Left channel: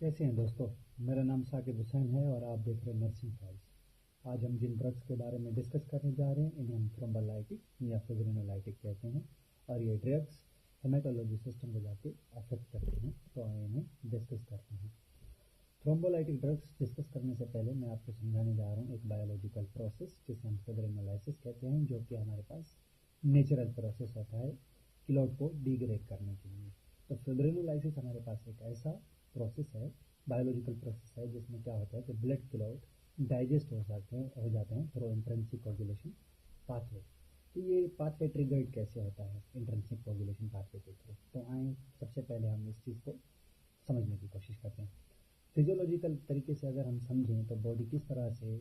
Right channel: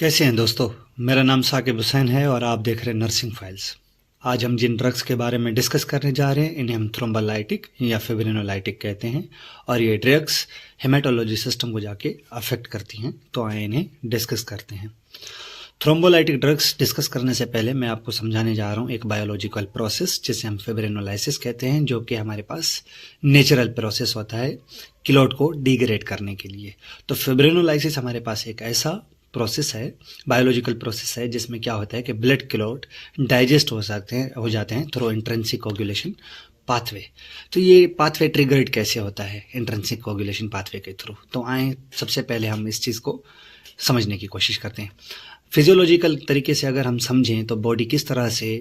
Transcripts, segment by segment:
कैसे हैं दोस्तों। मेरा नाम साकिब हुसैन है और आप देख रहे हैं नर्सिंग फाइल्स। आज हम जिन ड्रग्स के बारे में डिस्कस करने जा रहे हैं इन्हें हम थ्रोम्बोलाइटिक या फिब्रिनोलाइटिक कहते हैं और ये ड्रग्स हेमाटोलॉजी सिस्टम को जाके अफेक्ट करती हैं। तो आइए इन्हें डिस्कस करते हैं। थ्रोम्बोलाइटिक ड्रग्स डिस्कस करने से पहले मैं आपको समझाने जा रहा हूँ एक बायोलॉजिकल प्रोसेस जिसे हम फिब्रिनोलाइसिस कहते हैं, जो कि हमारे पास नेचुरल प्रोसेस होता है किलोट को डिग्रेड करने के लिए। तो फिब्रिनोलाइसिस हमारे पास एक ऐसा प्रोसेस है, बायोलॉजिकल प्रोसेस है, जिसमें क्या होता है कि ब्लड क्लॉट डाइजेस्ट हो जाते हैं थ्रू इंट्रिंसिक कोगुलेशन पाथवे। तो ये पाथवे ट्रिगर्ड कैसे होता है इंट्रिंसिक कोगुलेशन पाथवे के थ्रू। तो आए सबसे पहले हम इस चीज़ को समझने की कोशिश करते हैं। फिजियोलॉजिकल तरीके से अगर हम समझें तो बॉडी किस तरह से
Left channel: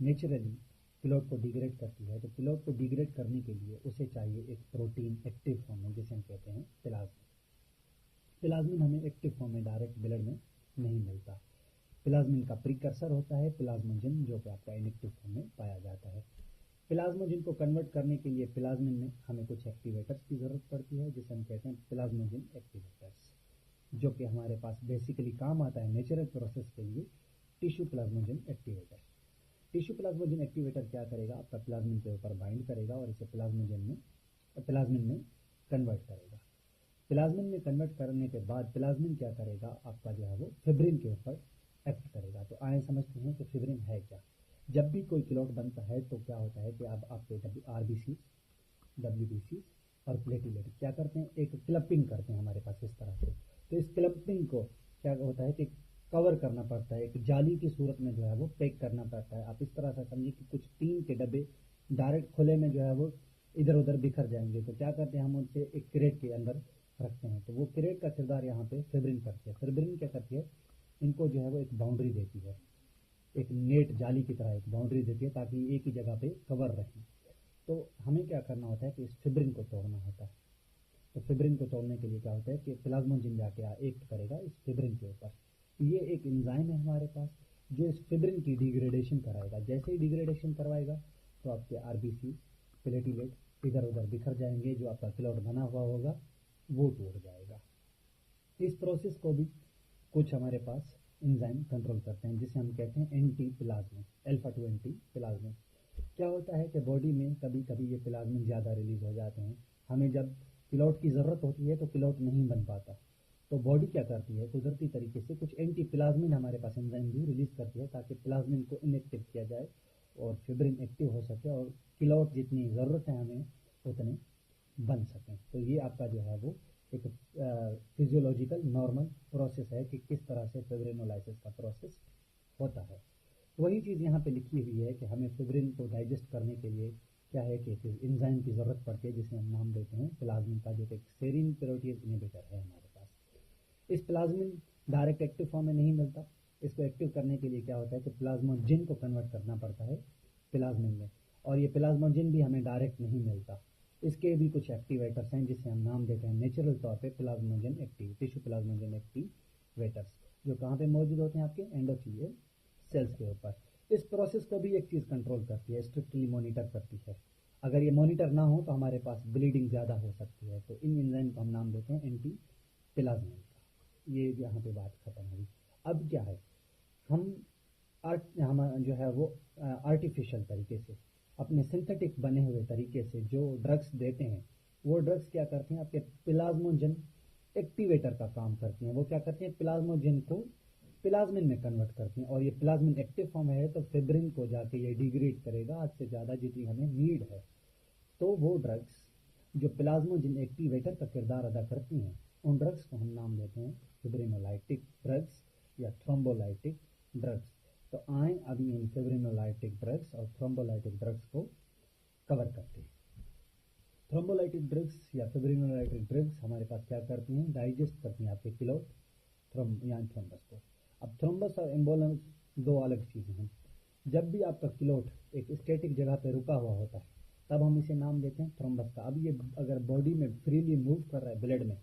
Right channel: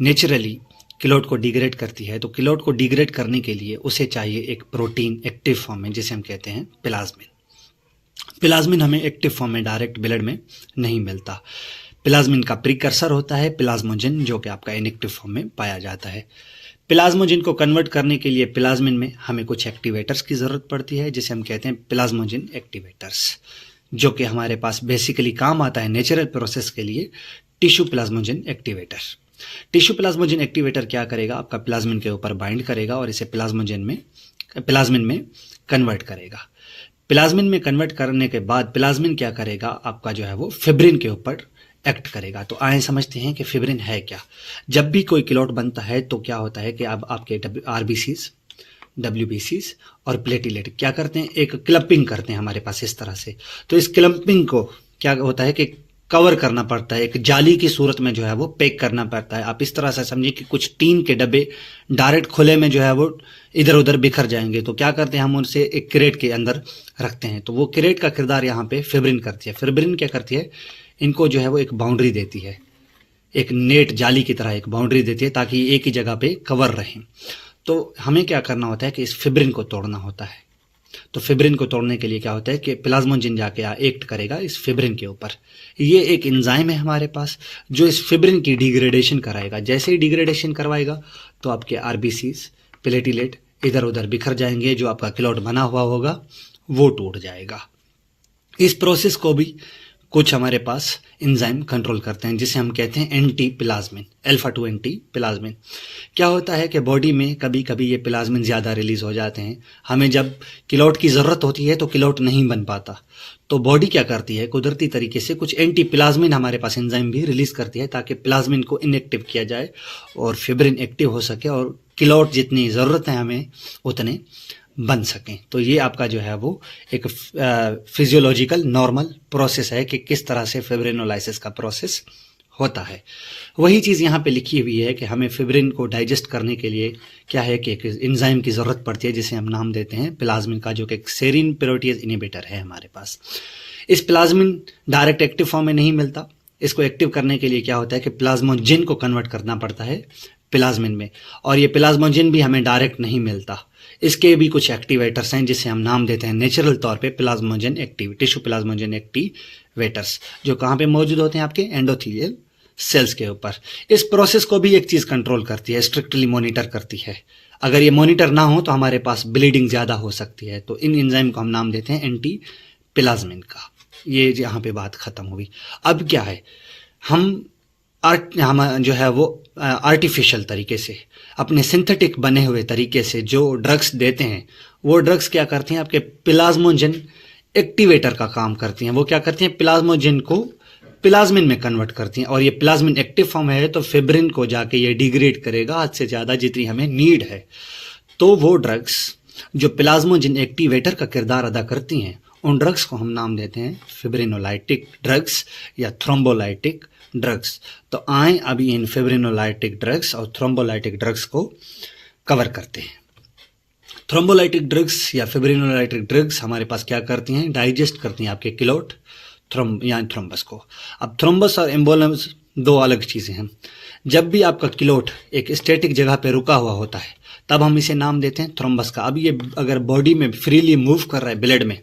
नेचुरली किलोट को डिग्रेड करती है, तो किलोट को डिग्रेड करने के लिए उसे चाहिए एक प्रोटीन एक्टिव फॉर्म में, जिसे हम कहते हैं प्लाज्मिन। प्लाज्मिन हमें एक्टिव फॉर्म में डायरेक्ट ब्लड में नहीं मिलता। प्लाज्मिन का प्रीकर्सर होता है प्लाज्मोजिन, जो कि आपका इनएक्टिव फॉर्म में पाया जाता है। प्लाज्मोजिन को कन्वर्ट करने के लिए प्लाज्मिन में हमें कुछ एक्टिवेटर्स की ज़रूरत पड़ती है, जिसे हम कहते हैं प्लाज्मोजिन एक्टिवेटर्स, जो कि हमारे पास बेसिकली काम आता है नेचुरल प्रोसेस के लिए टिश्यू प्लाज्मोजिन एक्टिवेटर। टिश्यू प्लाज्मोजिन एक्टिवेटर क्या करेगा, आपका प्लाज्मिन के ऊपर बाइंड करेगा और इसे प्लाज्मिन में कन्वर्ट करेगा। प्लाज्मिन में कन्वर्ट करने के बाद प्लाज्मिन क्या करेगा, आपका जो है वो फिब्रिन के ऊपर एक्ट करेगा। तो आए समझते हैं कि फिब्रिन है क्या। जब भी कोई किलोट बनता है तो क्या होता है कि अब आपके आरबीसीज, डब्ल्यूबीसीज और प्लेटिलेट क्या करते हैं, एक क्लपिंग करते हैं हमारे पास इस तरह से। तो इस क्लपिंग को क्या होता है कि कवर करना पड़ता है, एक जाली की सूरत में जो है वो पैक करना पड़ता है। आप इस तरह से समझिए कि कुछ टीन के डब्बे डायरेक्ट खुले में जो है वो इधर उधर बिखर जाएंगे। तो क्या करते हैं, हम उनसे एक क्रेट के अंदर रखते हैं। तो वो क्रेट का किरदार यहाँ पे फिब्रिन करती है। फिब्रिन क्या करती है, इनको जो है वो एक बाउंड्री देती है, एक नेट जाली की तरह एक बाउंड्री देती है, ताकि एक ही जगह पे कवर रहें। तो हमें क्या करना होता है कि इस फिब्रिन को तोड़ना होता है। तो फिब्रिन को तोड़ने के लिए क्या होता है कि प्लाज्मोजिन जाके एक्ट करेगा इस फिब्रिन के ऊपर। ये एक एंजाइम है हमारे पास जो इस फिब्रिन की डिग्रेडेशन कराएगा। जैसे ही डिग्रेडेशन करवाएगा तो आपके आरबीसीज, प्लेटिलेट इधर उधर बिखर जाएंगे, जो आपका क्लॉट बना हुआ होगा वो टूट जाएगा। इस प्रोसेस को भी कुछ हमारे पास एंजाइम कंट्रोल करते हैं, जिसे हम कहते हैं anti plasmin, alpha 2 anti plasmin. क्या होता है कि बॉडी में कभी कभी ये प्लाज्मिन ज़्यादा रिलीज हो जाते हैं। हमें जब किलोट की ज़रूरत होती है तो किलोट नहीं बन पाता, तो बॉडी क्या करती है, कुदरती तरीके से कुछ एंटी प्लाज्मिन हमारे पास एंजाइम भी रिलीज करती है, ताकि प्लाज्मिन को इनएक्टिव किया जाए और फिब्रिन एक्टिव हो सके और किलोट जितनी ज़रूरत है हमें उतने बन सकें। तो ये आपका जो है वो एक फिजियोलॉजिकल नॉर्मल प्रोसेस है कि किस तरह से फिब्रिनोलाइसिस का प्रोसेस होता है। वही चीज़ यहाँ पे लिखी हुई है कि हमें फिब्रिन को डाइजेस्ट करने के लिए क्या है कि एक एंजाइम की ज़रूरत पड़ती है, जिसे हम नाम देते हैं प्लाज्मिन का, जो कि एक सेरीन प्रोटीज इनहिबिटर है हमारे पास। इस प्लाज्मिन डायरेक्ट एक्टिव फॉर्म में नहीं मिलता। इसको एक्टिव करने के लिए क्या होता है कि प्लाज्मोजिन को कन्वर्ट करना पड़ता है प्लाज्मिन में, और ये प्लाज्मोजिन भी हमें डायरेक्ट नहीं मिलता। इसके भी कुछ एक्टिवेटर्स हैं, जिसे हम नाम देते हैं नेचुरल तौर पे प्लाज्मोजिन एक्टिव, टिश्यू प्लाज्मोजिन एक्टिवेटर्स, जो कहाँ पे मौजूद होते हैं, आपके एंडोथेलियल सेल्स के ऊपर। इस प्रोसेस को भी एक चीज़ कंट्रोल करती है, स्ट्रिक्टली मॉनिटर करती है। अगर ये मॉनिटर ना हो तो हमारे पास ब्लीडिंग ज़्यादा हो सकती है। तो इन एंजाइम को हम नाम देते हैं एंटी प्लाज्मिन का। ये यहाँ पे बात खत्म हुई। अब क्या है, हम जो है वो आर्टिफिशियल तरीके से, अपने सिंथेटिक बने हुए तरीके से जो ड्रग्स देते हैं, वो ड्रग्स क्या करती हैं, आपके प्लाज्मोजिन एक्टिवेटर का काम करती हैं। वो क्या करती हैं, प्लाज्मोजिन को प्लाज्मिन में कन्वर्ट करती हैं, और ये प्लाज्मिन एक्टिव फॉर्म है तो फिब्रिन को जाके ये डिग्रेड करेगा हद से ज़्यादा, जितनी हमें नीड है। तो वो ड्रग्स जो प्लाज्मोजिन एक्टिवेटर का किरदार अदा करती हैं, उन ड्रग्स को हम नाम देते हैं फिब्रिनोलाइटिक ड्रग्स या थ्रोम्बोलाइटिक ड्रग्स। तो आए अभी इन फिब्रिनोलाइटिक ड्रग्स और थ्रोम्बोलाइटिक ड्रग्स को कवर करते हैं। थ्रोम्बोलाइटिक ड्रग्स या फिब्रिनोलाइटिक ड्रग्स हमारे पास क्या करती हैं, डाइजेस्ट करती हैं आपके किलोट या थ्रोम्बस को। अब थ्रोम्बस और एम्बोलम्स दो अलग चीज़ें हैं। जब भी आपका किलोट एक स्टैटिक जगह पे रुका हुआ होता है तब हम इसे नाम देते हैं थ्रोम्बस का। अब ये अगर बॉडी में फ्रीली मूव कर रहा है, ब्लड में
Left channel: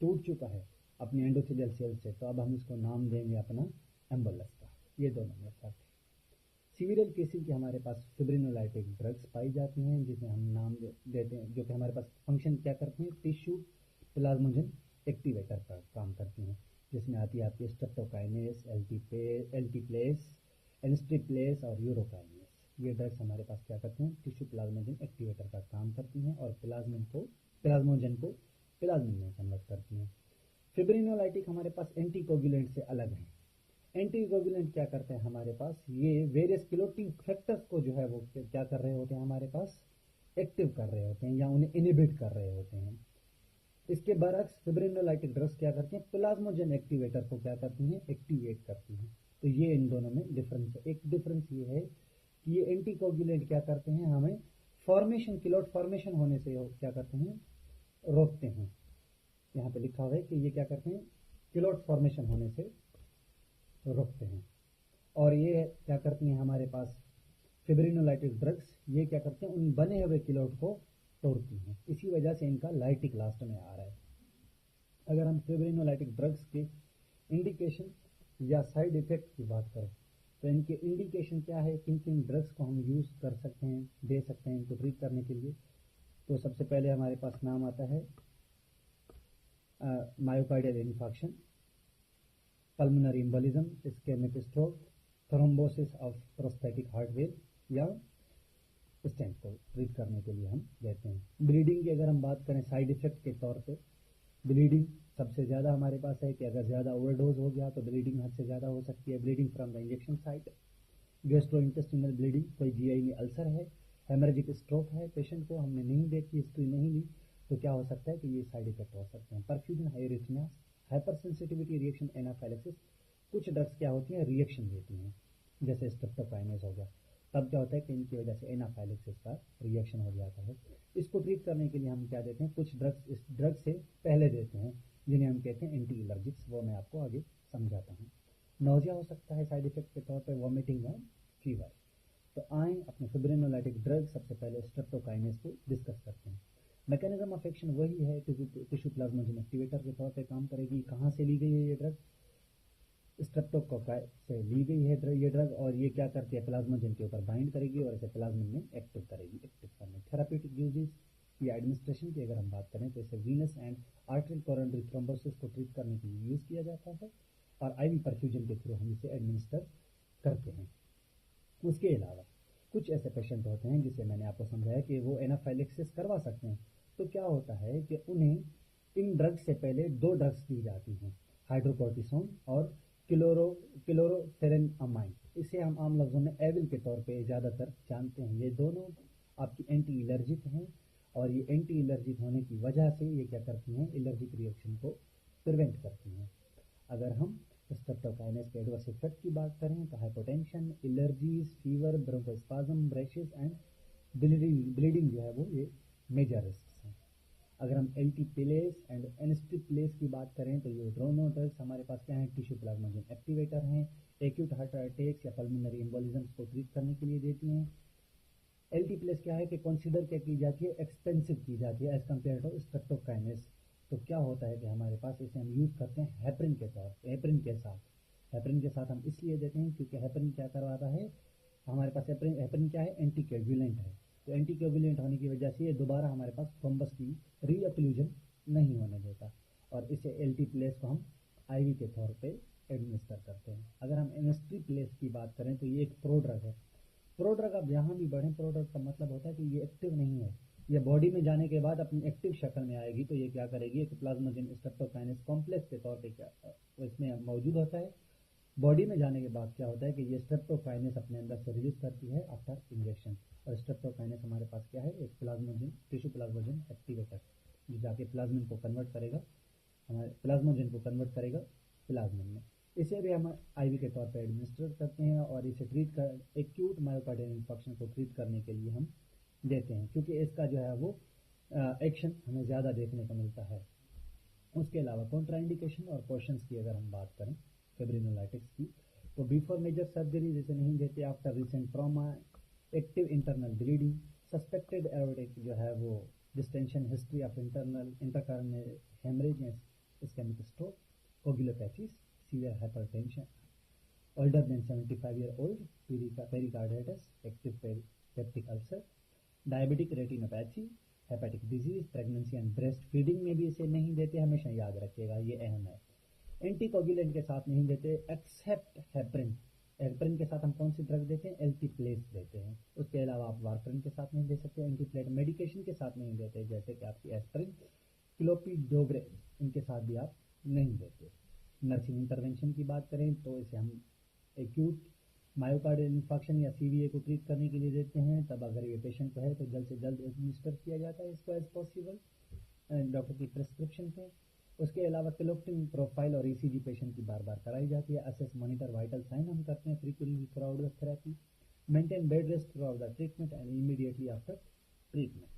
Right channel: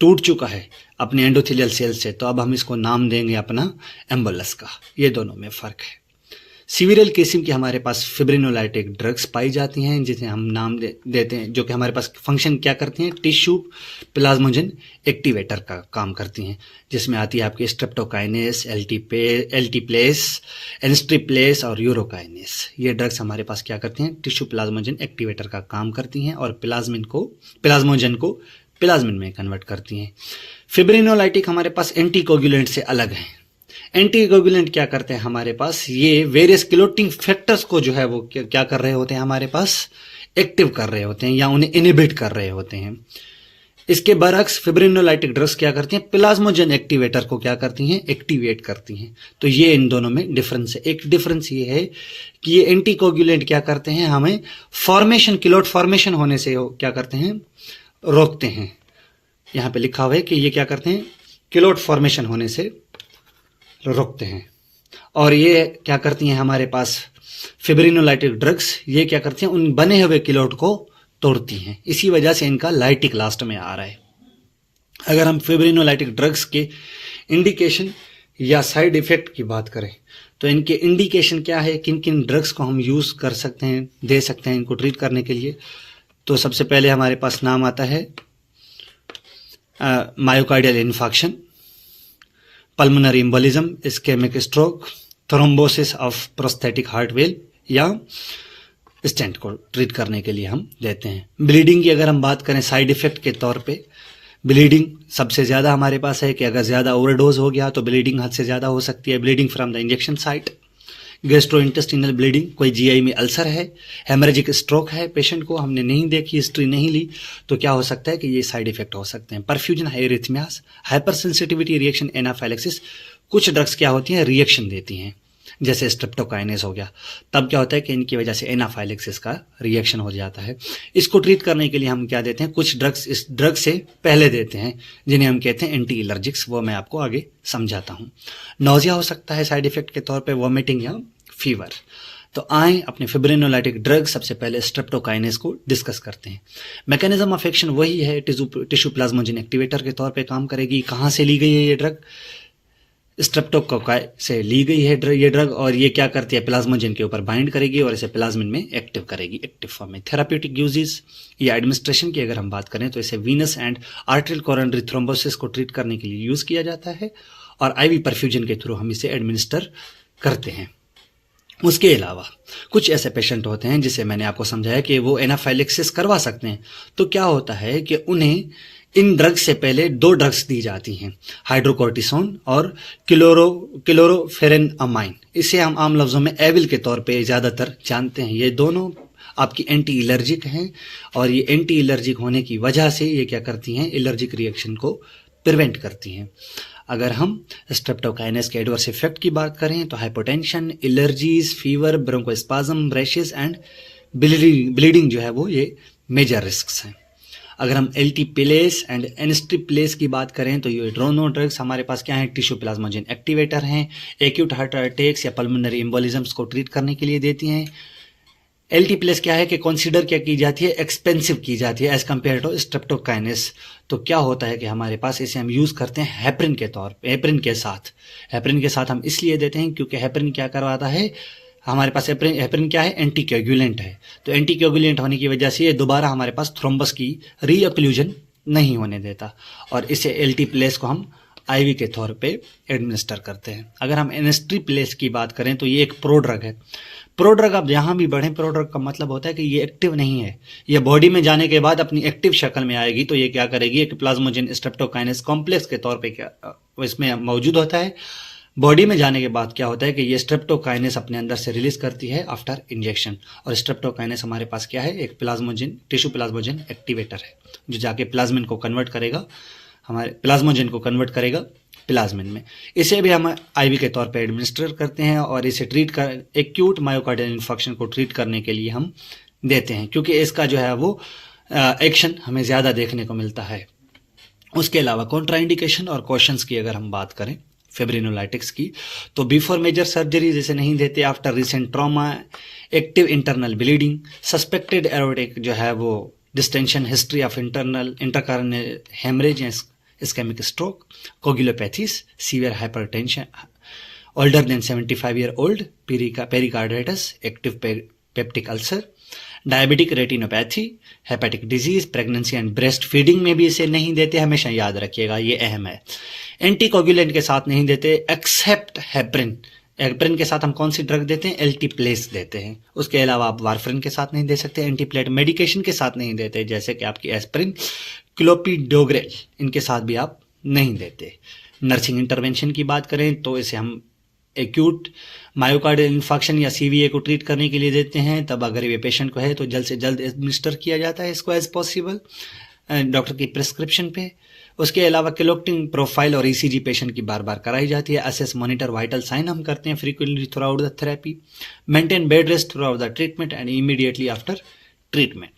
टूट चुका है अपने एंडोथेलियल सेल से, तो अब हम इसको नाम देंगे अपना एम्बोलस का। ये दोनों में फ़र्क है। सीवियल केसिम की हमारे पास फिब्रिनोलाइटिक ड्रग्स पाई जाती हैं, जिसे हम नाम देते हैं, जो कि हमारे पास फंक्शन क्या करती हैं, टिश्यू प्लाज्मोजन एक्टिवेटर का काम करती हैं, जिसमें आती है आपकी स्ट्रेप्टोकाइनेस, एल्टीप्लेस, एनस्ट्रिप्लेस और यूरोकाइनेस। ये ड्रग्स हमारे पास क्या करती हैं, टिश्यू प्लाज्मोजन एक्टिवेटर का काम करती हैं और प्लाज्मोजन को प्लाज्मिन में कन्वर्ट करती हैं। फिब्रिनोलाइटिक हमारे पास एंटीकोगुलेंट से अलग हैं। एंटीकोगुलेंट क्या करते हैं हमारे पास, ये वेरियस क्लोटिंग फैक्टर्स को जो है वो क्या कर रहे होते हैं, हमारे पास एक्टिव कर रहे होते हैं या उन्हें इनहिबिट कर रहे होते हैं। इसके बरअक्स फिब्रिनोलाइटिक ड्रग्स क्या करती हैं, प्लाज्मोजन एक्टिवेटर को क्या करती हैं, एक्टिवेट करती हैं। तो ये इन दोनों में डिफरेंस है। एक डिफरेंस ये है कि ये एंटीकोगुलेंट क्या करते हैं, हमें क्लोट फॉर्मेशन होने से क्या करते हैं, रोकते हैं। यहां पे लिखा हुआ है कि ये क्या करते हैं, क्लोट फॉर्मेशन होने से रोकते हैं। और ये क्या करती हैं हमारे पास फिब्रिनोलाइटिक ड्रग्स, ये क्या करती हैं, उन बने हुए क्लोट को तोड़ती हैं। इसी वजह से इनका लाइटिक लास्ट में आ रहा है। अगर हम फिब्रिनोलाइटिक ड्रग्स के इंडिकेशन या साइड इफेक्ट की बात करें तो इनके इंडिकेशन क्या है, किन किन ड्रग्स को हम यूज कर सकते हैं, दे सकते हैं इनको ट्रीट करने के लिए। तो सबसे पहले हमारे पास नाम आता है myocardial infarction, pulmonary embolism, ischaemic stroke, thrombosis of prosthetic heart valve या स्टेंट को ट्रीट करने के लिए हम देते हैं। ब्लीडिंग की अगर हम बात करें साइड इफेक्ट के तौर पे, ब्लीडिंग सबसे ज़्यादा हमारे पास है कि अगर ज़्यादा ओवरडोज हो गया तो ब्लीडिंग हद से ज़्यादा हो सकती है। Bleeding from the injection site, gastrointestinal bleeding, कोई जीआई में अल्सर है, हेमरेजिक स्ट्रोक है, पेशेंट को हमने नहीं देखी, हिस्ट्री नहीं ली, तो क्या हो सकता है कि ये साइड इफेक्ट हो सकते हैं। Perfusion arrhythmias, hyper sensitivity reaction, anaphylaxis. कुछ ड्रग्स क्या होती हैं, रिएक्शन देती हैं, जैसे स्ट्रेप्टोकाइनेस हो गया, तब क्या होता है कि इनकी वजह से एनाफाइलेक्सिस का रिएक्शन हो जाता है। इसको ट्रीट करने के लिए हम क्या देते हैं, कुछ ड्रग्स इस ड्रग से पहले देते हैं जिन्हें हम कहते हैं एंटी एलर्जिक्स, वो मैं आपको आगे समझाता हूँ। नोजिया हो सकता है साइड इफेक्ट के तौर पे, वॉमिटिंग या फीवर। तो आए अपने फिब्रिनोलाइटिक ड्रग सबसे पहले स्ट्रेप्टोकाइनेस को डिस्कस करते हैं। मैकेनिज्म ऑफ एक्शन वही है, टिश्यू प्लाज्मोजन एक्टिवेटर के तौर पे काम करेगी। कहाँ से ली गई है ये ड्रग, स्ट्रेप्टोकोकाई से ली गई है ये ड्रग, और ये क्या करती है, प्लाज्मोजन के ऊपर बाइंड करेगी और इसे प्लाज्मिन में एक्टिव करेगी, एक्टिव फॉर्म में। थेराप्यूटिक यूजेस या एडमिनिस्ट्रेशन की अगर हम बात करें तो इसे Venus and arterial coronary thrombosis को ट्रीट करने के लिए यूज किया जाता है और आईवी परफ्यूजन के थ्रू हम इसे एडमिनिस्टर करते हैं। उसके अलावा कुछ ऐसे पेशेंट होते हैं जिसे मैंने आपको समझाया कि वो एनाफाइलेक्सिस करवा सकते हैं। तो क्या होता है कि उन्हें इन ड्रग्स से पहले 2 ड्रग्स दी जाती हैं, हाइड्रोकोर्टिसोन और क्लोरोफेरेनामाइन। इसे हम आम लफ्जों में एविल के तौर पे ज़्यादातर जानते हैं। ये दोनों आपकी एंटी एलर्जिक हैं और ये एंटी एलर्जिक होने की वजह से ये क्या करती हैं, एलर्जिक रिएक्शन को प्रिवेंट करती हैं। अगर हम स्ट्रेप्टोकाइनेस के एडवर्स इफेक्ट की बात करें तो hypotension, allergies, fever, bronchospasm, rashes and bleeding जो है वो ये मेजर रिस्क्स हैं। अगर हम एल्टीप्लेस एंड एनस्ट्रिप्लेस की बात करें तो ये दोनों ड्रग्स हमारे पास क्या है, टिश्यू प्लाज्मोजन एक्टिवेटर हैं, एक्यूट हार्ट अटैक्स या पल्मोनरी एम्बोलिज्म्स को ट्रीट करने के लिए देती हैं। एल्टीप्लेस क्या है कि कंसीडर क्या की जाती है, एक्सपेंसिव की जाती है एज कम्पेयर टू स्ट्रेप्टोकाइनेस। तो क्या होता है कि हमारे पास इसे हम यूज करते हैं हेपरिन के तौर पे, हेपरिन के साथ हम इसलिए देते हैं क्योंकि हेपरिन क्या करवाता है, हमारे पास हेपरिन क्या है, एंटीकोगुलेंट है। तो एंटीकोगुलेंट होने की वजह से ये दोबारा हमारे पास थ्रोम्बस की रीअक्लूजन नहीं होने देता और इसे एल्टीप्लेस को हम आईवी के तौर पे एडमिनिस्टर करते हैं। अगर हम एनस्ट्रिप्लेस की बात करें तो ये एक प्रोड्रग है। प्रोड्रग आप जहाँ भी बढ़ें, प्रोड्रग का मतलब होता है कि ये एक्टिव नहीं है, ये बॉडी में जाने के बाद अपनी एक्टिव शक्ल में आएगी। तो ये क्या करेगी, एक प्लाज्मोजन स्ट्रेप्टोकाइनेस कॉम्प्लेक्स के तौर पे क्या इसमें मौजूद होता है। बॉडी में जाने के बाद क्या होता है कि ये स्ट्रेप्टोकाइनेस अपने अंदर से रिलीज करती है आफ्टर इंजेक्शन। और स्ट्रेप्टोकाइनेस हमारे पास क्या है, एक टिश्यू प्लाज्मोजन एक्टिवेटर है जो जाके प्लाज्मिन को कन्वर्ट करेगा, हमारे प्लाज्मोजन को कन्वर्ट करेगा प्लाज्मिन में। इसे भी हम आईवी के तौर पे एडमिनिस्टर करते हैं और इसे ट्रीट कर एक्यूट मायोकार्डियल इन्फेक्शन को ट्रीट करने के लिए हम देते हैं, क्योंकि इसका जो है वो एक्शन हमें ज़्यादा देखने को मिलता है। उसके अलावा कॉन्ट्राइंडिकेशन और कॉशंस की अगर हम बात करें फिब्रिनोलाइटिक्स की, तो बिफोर मेजर सर्जरी जैसे नहीं देते, after recent trauma, active internal bleeding, suspected aortic जो है वो distension, history of intracranial haemorrhage, ischaemic stroke, coagulopathies, severe hypertension older than 75 year old, pericarditis, active peptic ulcer, diabetic retinopathy, hepatic disease, pregnancy and breast feeding में भी इसे नहीं देते, हमेशा याद रखिएगा, ये अहम है। एंटीकोगुलेंट के साथ नहीं देते एक्सेप्ट हेपरिन। हेपरिन के साथ हम कौन सी ड्रग देते हैं? एल्टीप्लेस देते हैं। उसके अलावा आप वारफरिन के साथ नहीं दे सकते, एंटीप्लेट मेडिकेशन के साथ नहीं देते, जैसे कि आपकी एस्पिरिन, क्लोपिडोग्रेल, इनके साथ भी आप नहीं देते। नर्सिंग इंटरवेंशन की बात करें तो इसे हम एक्यूट मायोकार्डियल इन्फेक्शन या सीवीए को ट्रीट करने के लिए देते हैं। तब अगर ये पेशेंट को है तो जल्द से जल्द एडमिनिस्टर किया जाता है इसको एज पॉसिबल डॉक्टर की प्रिस्क्रिप्शन पे। उसके अलावा क्लोक्टिंग प्रोफाइल और ईसीजी पेशेंट की बार बार कराई जाती है। असेस मॉनिटर वाइटल साइन हम करते हैं frequently through out the therapy. Maintain bed rest through out the treatment and immediately after treatment.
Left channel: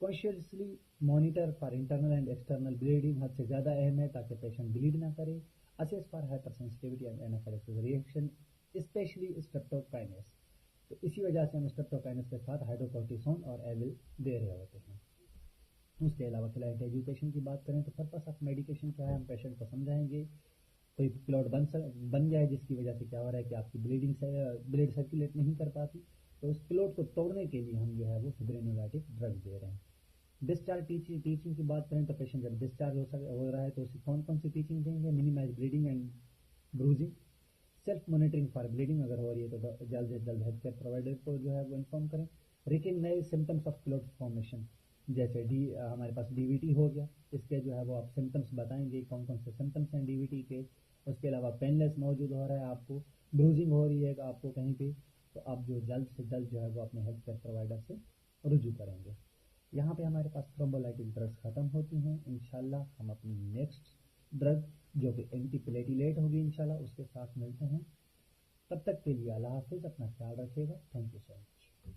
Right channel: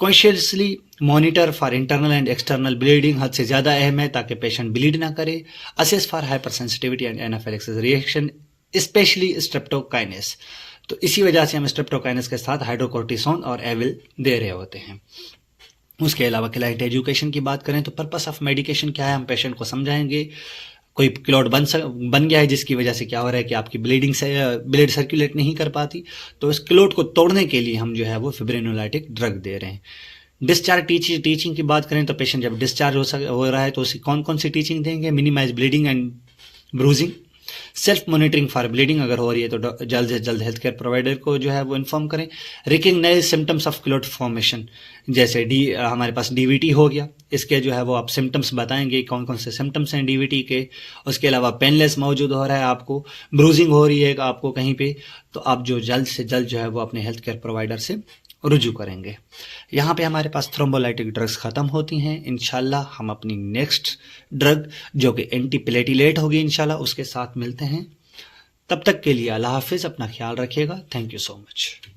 Consciously monitor for internal and external bleeding हद से ज़्यादा अहम है ताकि पेशेंट ब्लीड ना करे। Assess for hyper sensitivity and anaphylaxis reaction, specially streptokinase. तो इसी वजह से हम स्ट्रेप्टोकाइनेस के साथ हाइड्रोकोर्टिसोन और एविल दे रहे होते हैं। उसके अलावा क्लाइंट एजुकेशन की बात करें तो पर्पस ऑफ मेडिकेशन क्या है, हम पेशेंट को समझाएंगे। कोई क्लॉट बन गया है जिसकी वजह से क्या हो रहा है कि आपकी ब्लीडिंग से ब्लड सर्कुलेट नहीं कर पाती, तो इस क्लॉट को तोड़ने के लिए हम जो है वो फिब्रिनोलाइटिक ड्रग दे रहे हैं। डिस्चार्ज टीचिंग की बात करें तो पेशेंट जब डिस्चार्ज हो रहा है तो उसे कौन कौन सी टीचिंग देंगे? Minimise bleeding and bruising, self monitoring for bleeding, अगर हो रही है तो जल्द से जल्द हेल्थ केयर प्रोवाइडर को जो है वो इन्फॉर्म करें। Recognise symptoms of clot formation, जैसे हमारे पास डीवीटी हो गया, इसके जो है वो आप सिम्टम्स बताएंगे कौन कौन से सिम्टम्स हैं डीवीटी के। उसके अलावा पेनलेस मौजूद हो रहा है आपको, ब्रूजिंग हो रही है आपको कहीं पे, तो आप जो जल्द से जल्द जो है वो अपने हेल्थ केयर प्रोवाइडर से रुजू करेंगे। यहाँ पे हमारे पास थ्रोम्बोलाइटिक ड्रग्स ख़त्म होती हैं। इंशाल्लाह हम अपनी नेक्स्ट ड्रग जो कि एंटीप्लेटिलेट होगी इंशाल्लाह उसके साथ मिलते हैं। तब तक के लिए अल्लाह हाफिज़, अपना ख्याल रखिएगा। Thank you so much.